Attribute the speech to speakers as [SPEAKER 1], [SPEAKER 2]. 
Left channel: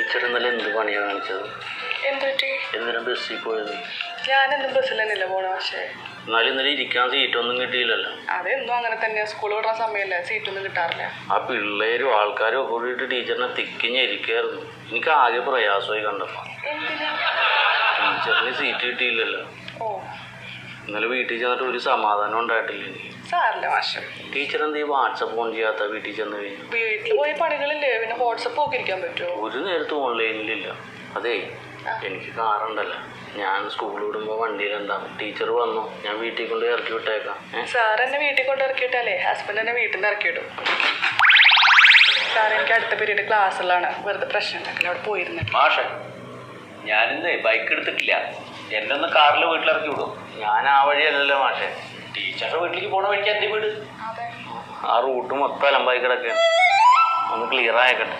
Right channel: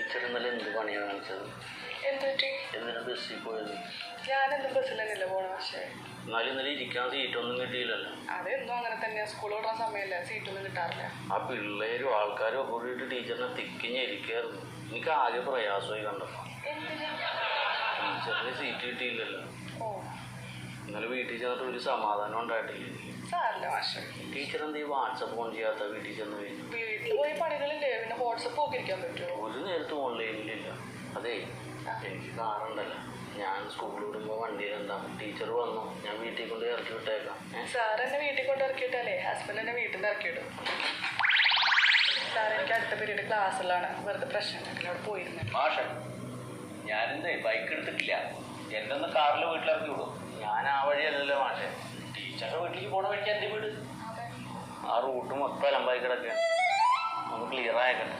[SPEAKER 1] Teacher ഇന്നലെ എന്ത് പണിയാണ് കാണിച്ചത്? എന്തിനാ ബസ്സിൽ പോയത്.
[SPEAKER 2] ഞാനെന്നും ബസ്സിൽ തന്നെയല്ലേ പോണ പക്ഷേ?
[SPEAKER 1] എന്നാലും ഇന്നലെ ഇരിക്കാൻ സീറ്റൊന്നും കിട്ടിയില്ലല്ലോ.
[SPEAKER 2] അതെന്നും അങ്ങനെ തന്നെ സ്കൂൾ വിടുന്ന സമയമല്ലേ സീറ്റൊന്നും കിട്ടാറില്ല.
[SPEAKER 1] ആ പിള്ളേരും ആൾക്കാരും കൂടിയിട്ട് ടീച്ചറിനെ തിക്കിഞ്ഞിരിക്കായിരുന്നു. എനിക്ക് ആകെ പ്രയാസമായി കണ്ടപ്പോൾ
[SPEAKER 2] എന്തിനാ?
[SPEAKER 1] ടീച്ചറിന് സീറ്റ് കിട്ടിയില്ലല്ലോ.
[SPEAKER 2] ഓ.
[SPEAKER 1] ഇന്നലെ വീട്ടിൽ ചെന്നിട്ട് ഒരു സമാധാനം ഉണ്ടായിട്ടില്ല. എനിക്ക്
[SPEAKER 2] സാറില്ല മാഷ്
[SPEAKER 1] ടീച്ചർ എന്ത് ഈ വാട്സപ്പ് ഓൺ ചെയ്യാത്ത വീട്ടിൽ ചെന്ന് കഴിഞ്ഞു
[SPEAKER 2] വീട്ടിൽ പോയി പണികളില്ലേ? പിന്നെ വാട്സപ്പ് പറ്റുമോ
[SPEAKER 1] ഒരു നേരത്തും ഓൺലൈനിലില്ല. അതേ എനിക്ക് കാറുണ്ടല്ലോ. ഞാൻ സ്കൂളിൽ വിടുമ്പോൾ വണ്ടിയിൽ എന്താ? ടീച്ചർ വന്നു. ഞാൻ വീട്ടിൽ കൊണ്ട് ഇറക്കി വിട്ടേക്കാം.
[SPEAKER 2] സാർ എന്നെ വീട്ടിൽ കൊണ്ട് ഇറക്കിയിട്ടല്ലേ? ഹസ്ബൻഡ് എന്നെ വീട്ടിൽ നിന്ന് ഇറക്കിയിട്ടു സാർ എനിക്ക് അടുത്ത പീരീഡ് ക്ലാസ്സിലാണ് വെറുതെ പ്രശ്നം അവിടെ പോയിരുന്നു
[SPEAKER 3] മാഷെ ഞാനിന്ന് ബൈക്ക് എടുത്തിട്ടില്ല. എന്നെ ഒന്ന് കാറിൽ വീട്ടിലിറക്കി വിടും.
[SPEAKER 1] ഞാൻ ആ വഴിയല്ലല്ലോ മാഷെ.
[SPEAKER 3] ടീച്ചറുടെ വീട്ടിലേക്ക് പോണ വഴിക്ക് എന്റെ വീട്.
[SPEAKER 1] ആ റൂട്ട് മൊത്തം അലമ്പായി കിടക്കുകയാണ്. ഒന്ന് ക്ലിയർ ആയേക്കട്ടെ.